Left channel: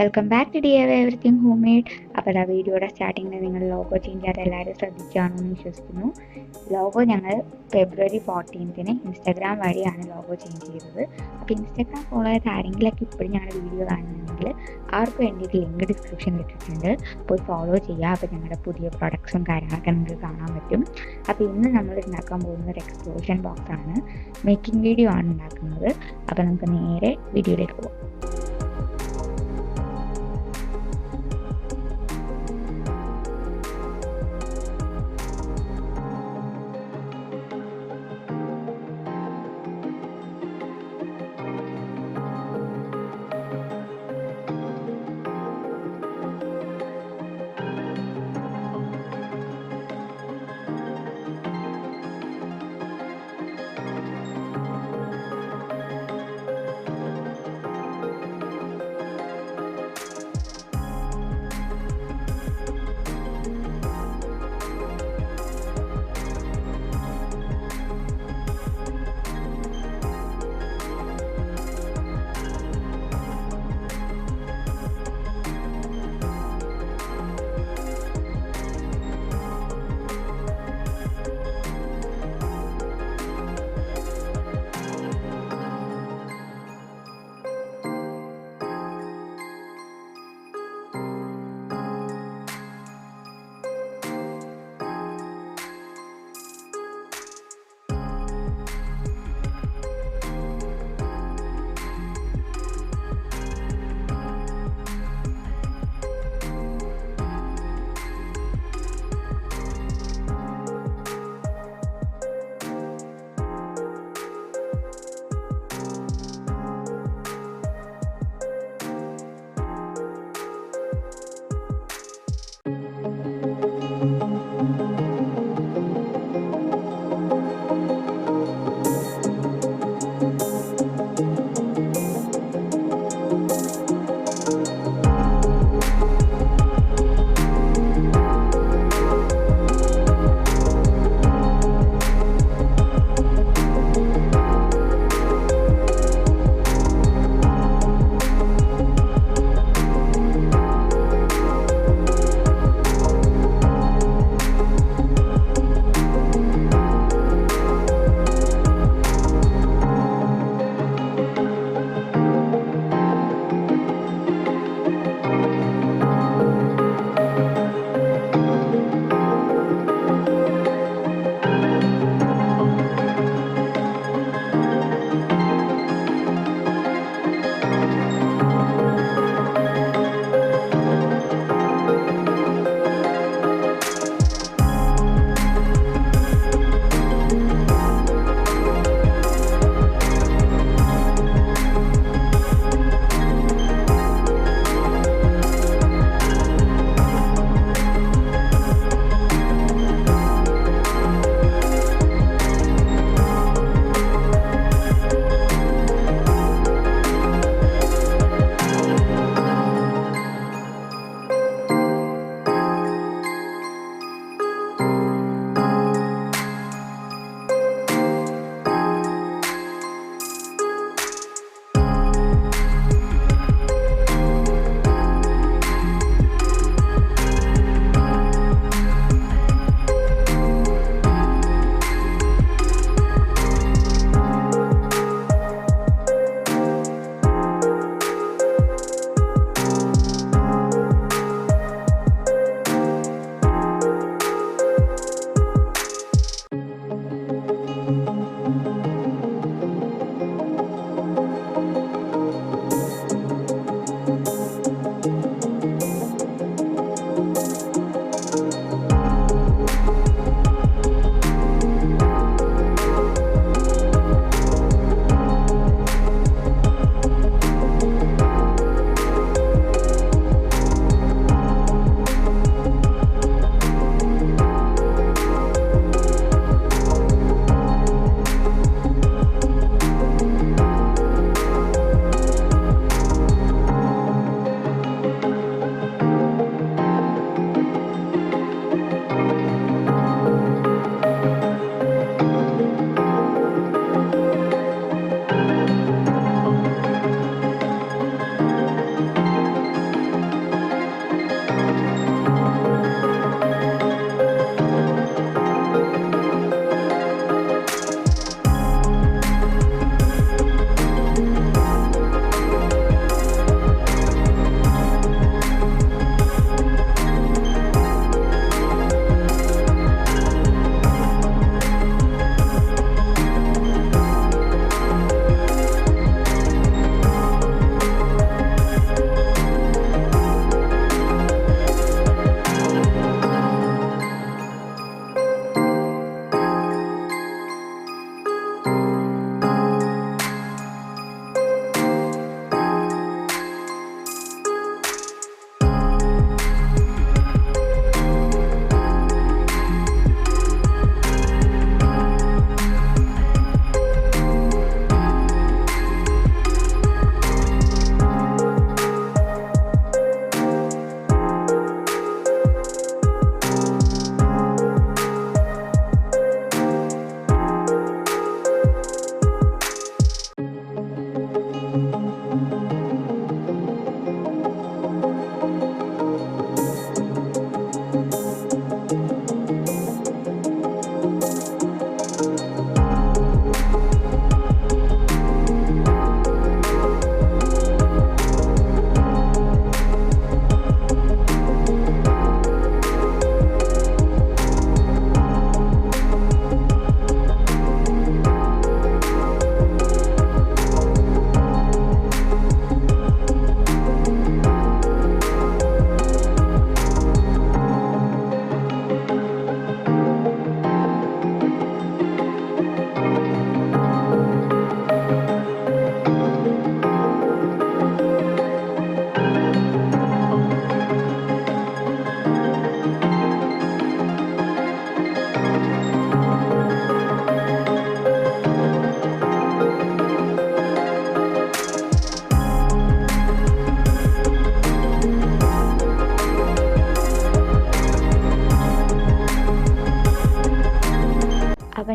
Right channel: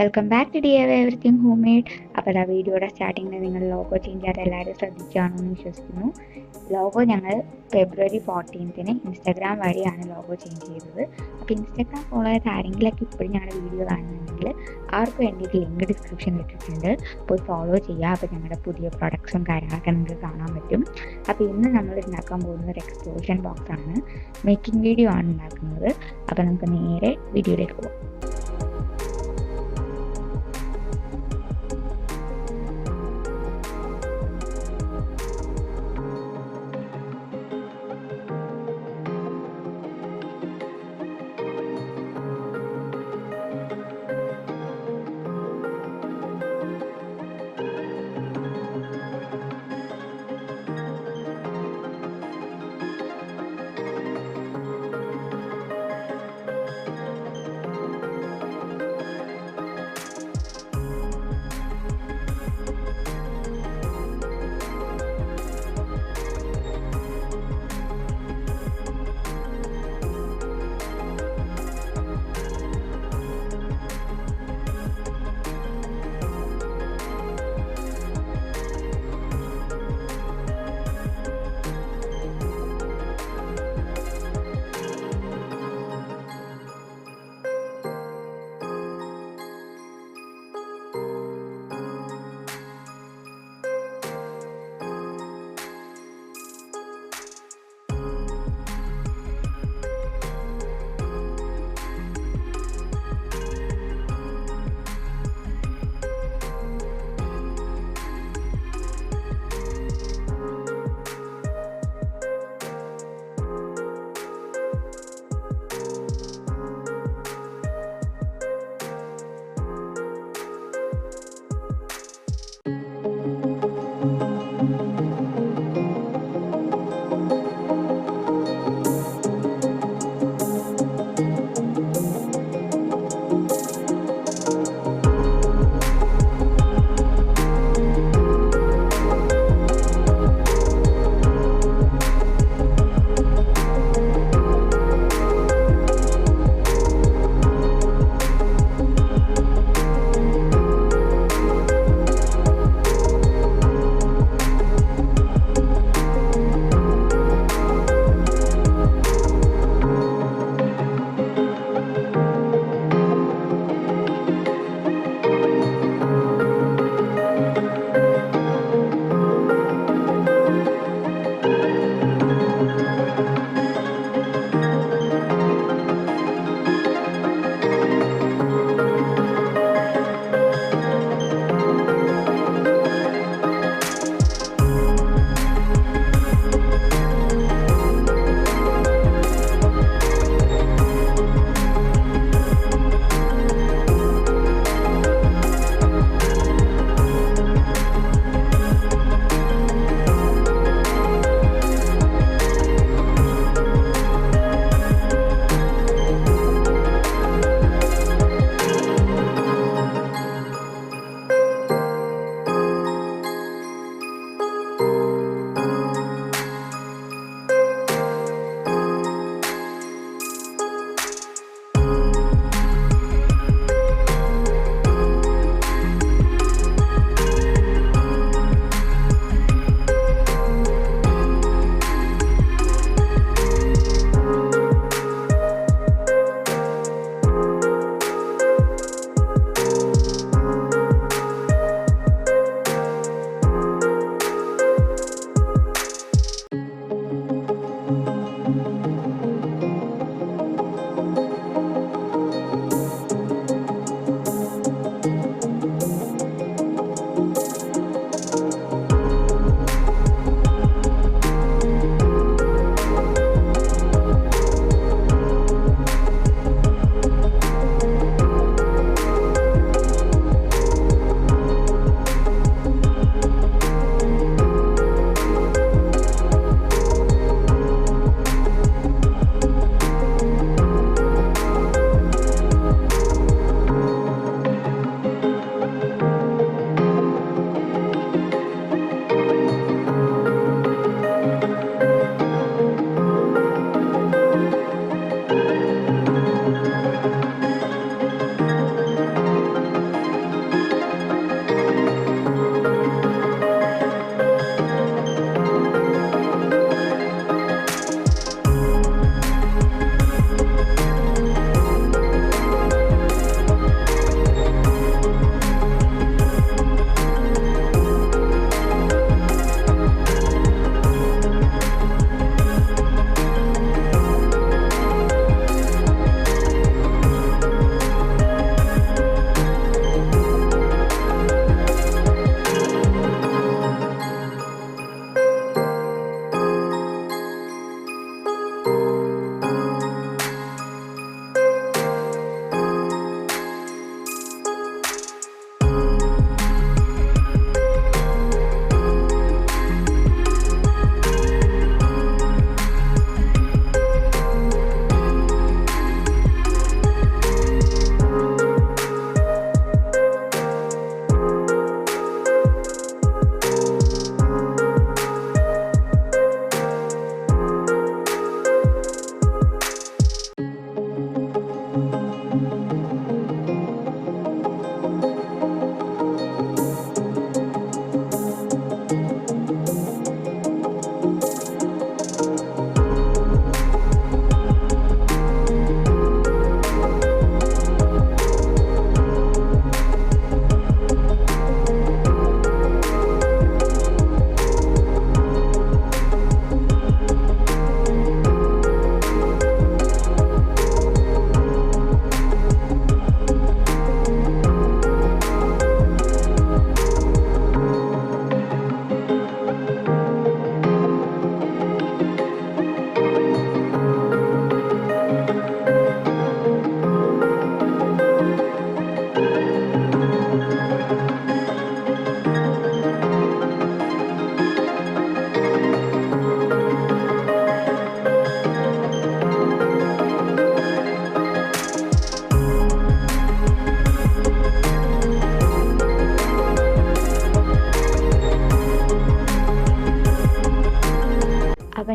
Welcome back to DIY everything homemade. അപ്പോൾ ആ വീഡിയോയുടെ സ്റ്റാർട്ടിങ്ങിൽ നിങ്ങൾ ലോഗോ ചേഞ്ച് ചെയ്യാതെ എല്ലാവരും ശ്രദ്ധിക്കുകയാണെന്ന് വിശ്വസിക്കുന്നു. ലോഗോ ഞങ്ങൾ February 14 ഇൻസ്റ്റാഗ്രാം വഴിയാണ് ലോഗോ ചേഞ്ച് ചെയ്തത്. അപ്പോൾ ഇൻസ്റ്റാഗ്രാം ഫോളോ ചെയ്ത ആരെങ്കിലൊക്കെ ഇപ്പോഴും ഞങ്ങളുടെ വീഡിയോ കാണുന്നുണ്ടെങ്കിൽ അവർക്ക് വേണ്ടിയിട്ട് ലിങ്ക് ഡിസ്ക്രിപ്ഷനിൽ ഇട്ടിട്ടുണ്ട്, പോയി ഫോളോ ചെയ്യുക. അപ്പോൾ ഞങ്ങളുടെ പുതിയ പ്രൊഡക്ട്സും കാര്യങ്ങളൊക്കെ നിങ്ങൾക്ക് കാണാൻ പറ്റും. അപ്പോൾ ഇന്ന് നമ്മൾ ഉണ്ടാക്കാൻ പോകുന്നത് ഒരു എക്സ്പ്ലോഷൻ ബോക്സ് ആണ്. മേക്കിംഗ് വീഡിയോ ആണ് ഉണ്ടാക്കുന്നത്. അപ്പോൾ നമുക്ക് നേരെ വീഡിയോയിലേക്ക് പോകാം.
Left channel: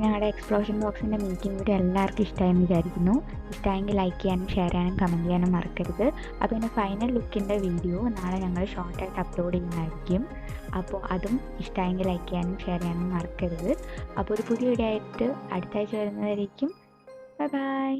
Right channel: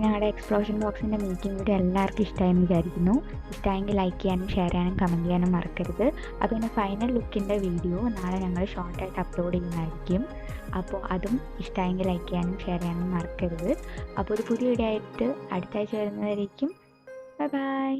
ഞങ്ങളുടെ എക്സ്പ്ലോഷൻ ബോക്സിൻ്റെ മേക്കിംഗ് വീഡിയോ എല്ലാവർക്കും ഇഷ്ടമായെന്ന് വിചാരിക്കുന്നു. ഇഷ്ടമായെങ്കിൽ ലൈക്ക് ചെയ്യാനും ഷെയർ ചെയ്യാനും കമൻറ്റ് ചെയ്യാനും മറക്കരുത്. അപ്പോൾ ഇതിൻ്റെ ഫൈനൽ ലുക്കിൻ്റെ വീഡിയോ നാളെ ഞങ്ങൾ ഷോർട്ടായിട്ട് അപ്ലോഡ് ചെയ്യുന്നതായിരിക്കും. അപ്പോൾ അതും ഇഷ്ടമായെങ്കിൽ ലൈക്ക് ചെയ്യാനും ഷെയർ ചെയ്യാനും മറക്കരുത്. അപ്പോൾ ഒരു പുതിയ വീഡിയോ ആയിട്ട് അടുത്ത ആഴ്ച വരുന്നതായിരിക്കും. Bye bye.